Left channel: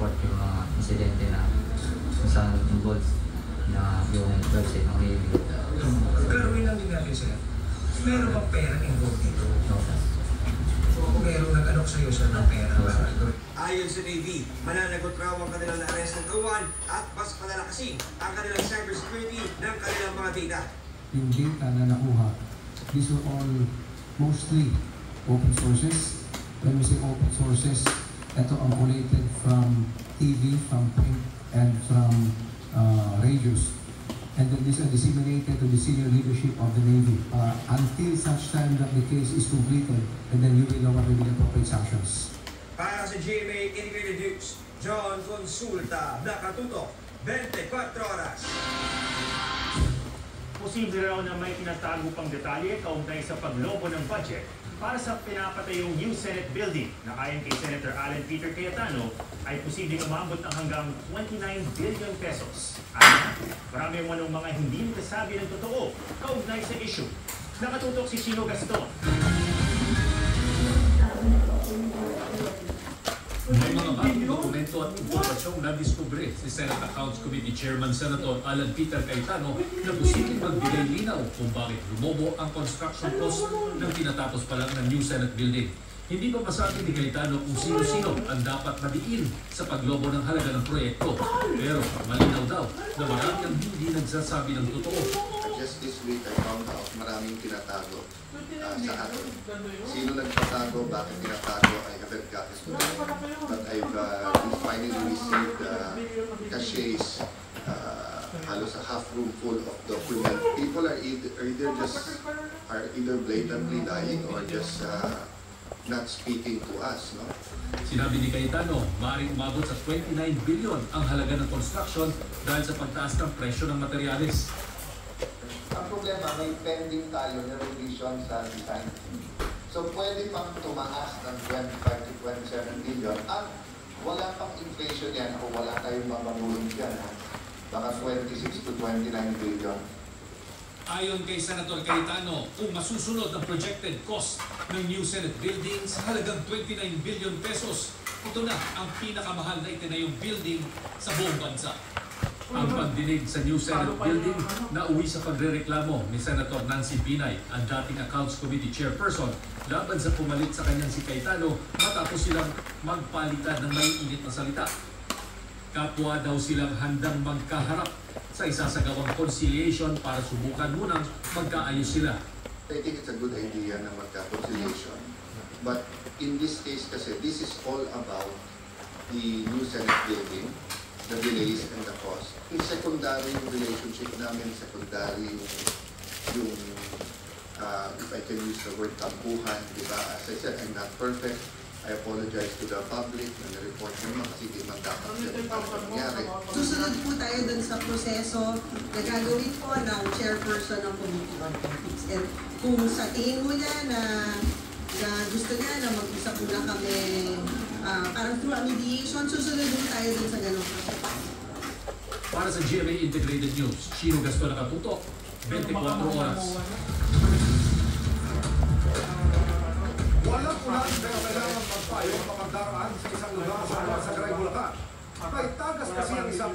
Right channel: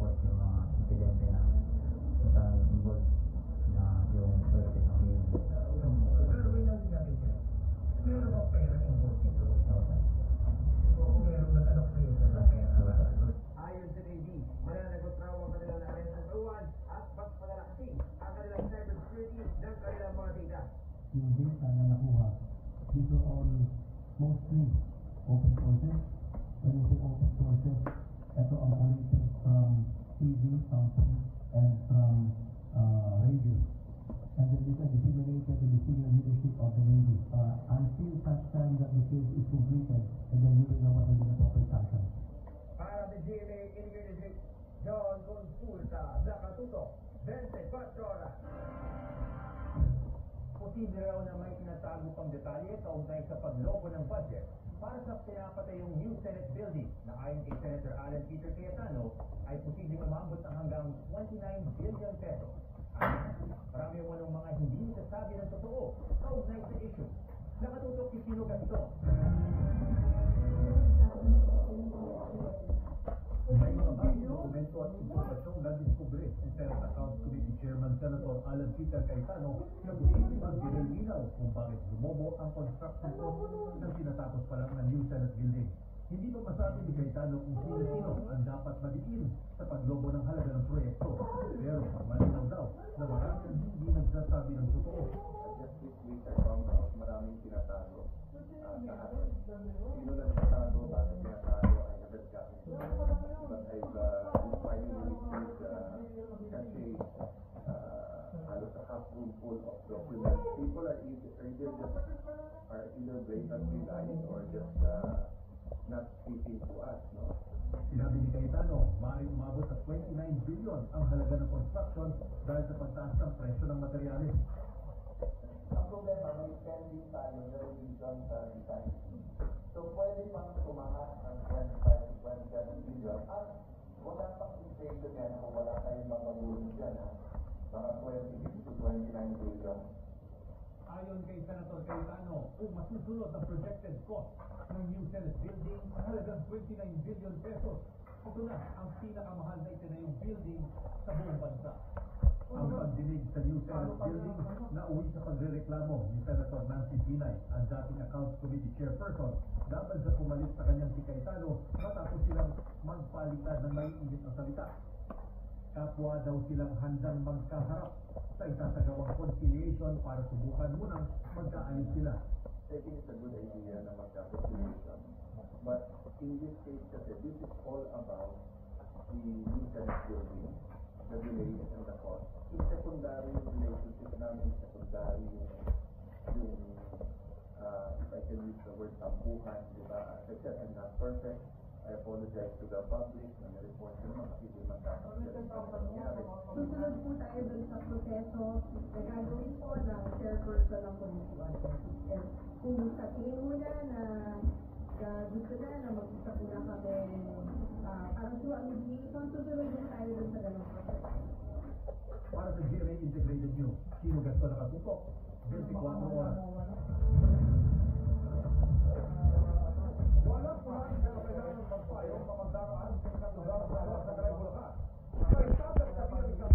report yung mga insidente na kung saan involved na yung website ng Navy. Klaruhin lang din natin sir, meron bang pera involved dito? So kung meron nag-alok sa'yo sir ng pera, ayon sa Navy, mananagot raw ang kanilang na-arrest ng kawan at mas palalakasin ang kanilang cybersecurity ng kanilang mga data. Yung data na nakuha, these were all mostly open sources. When we say open sources, ito ang collated from TV, from print, and from radios. And then these are disseminated to the senior leadership of the Navy until such time that the case is completed, and then you will know what will be the appropriate sanctions. Para sa GMA Integrated News, John Consulta, nakatutok, 24 oras. Posible raw na may tinatago pang detalye kaugnay sa paglobo ng budget para sa pinapatayong new Senate building na ayon kay Senator Alan Peter Cayetano ay posibleng umabot ng hanggang 29 billion pesos. At marami manong mga hindi nagsasabi ng totoo kaugnay sa issue. Nakatutok si Chino Gaston. May mga bagong dokumento at impormasyong nadiskubre si Senate Accounts Committee Chairman Senator Alan Peter Cayetano na posibleng magbigay linaw kung bakit lumobo ang construction cost ng tinatapos pa lang ng new Senate building. Hindi pa masabi ni Cayetano kung sino-sino ang dapat madiin sa paglobo ng halaga ng proyekto. Pero malinaw daw na marami ang hindi nagsasabi ng totoo. Just this week I found out maraming tinatago sa atin. Sino nagtatago, bakit tinatago, I haven't got this to them. But I've finally received caches, halos a half room full of documents. People are either blatantly lying or just not speaking to us. No? Sinabi ni Cayetano, maaaring umabot sa 29 billion ang halaga ng construction dahil sa pagtaas ng presyo ng materyales. Ang problema, may pending tayo na revision sa design. So pwede pang tumaas ng 25 to 27 billion at wala pang inflation yan o wala tayong mamamulong dyan. Baka 26 to 29 billion. Ayon kay Senator Cayetano, kung masusunod ang projected cost ng new Senate building sa halagang 29 billion pesos, ito na ang pinakamahal na itinayong building sa buong bansa. Ang pagdinig sa new Senate building na uwi sa pagrereklamo ni Senator Nancy Binay, ang dating Accounts Committee Chairperson, laban sa pumalit sa kanyang si Cayetano matapos silang magpalitan ng maiinit na salita. Kapwa daw silang handang magkaharap sa isasagawang conciliation para subukan munang magkaayos sila. I think it's a good idea na magka-conciliation. But in this case kasi, this is all about the new Senate building, the delays and the cost. Yung secondary yung relationship namin, secondary yung if I can use the word tampuhan, di ba? As I said, I'm not perfect. I apologize to the public and the report naman kasi di man dapat nangyari. Susunod po tayo dun sa proseso na gagawin po ng chairperson ng Committee on Ethics. And kung sa tingin mo niya na gusto niya na mag-isa po na kami parang through a mediation, susunod po tayo dun sa ganong proseso. Para sa GMA Integrated News, Chino Gaston nakatutok, 24 oras. Walang unahan pero kailangan magpayo kapag daraan sa isang lugar sa Sagray, Bulacan. May tagas kasi ang isang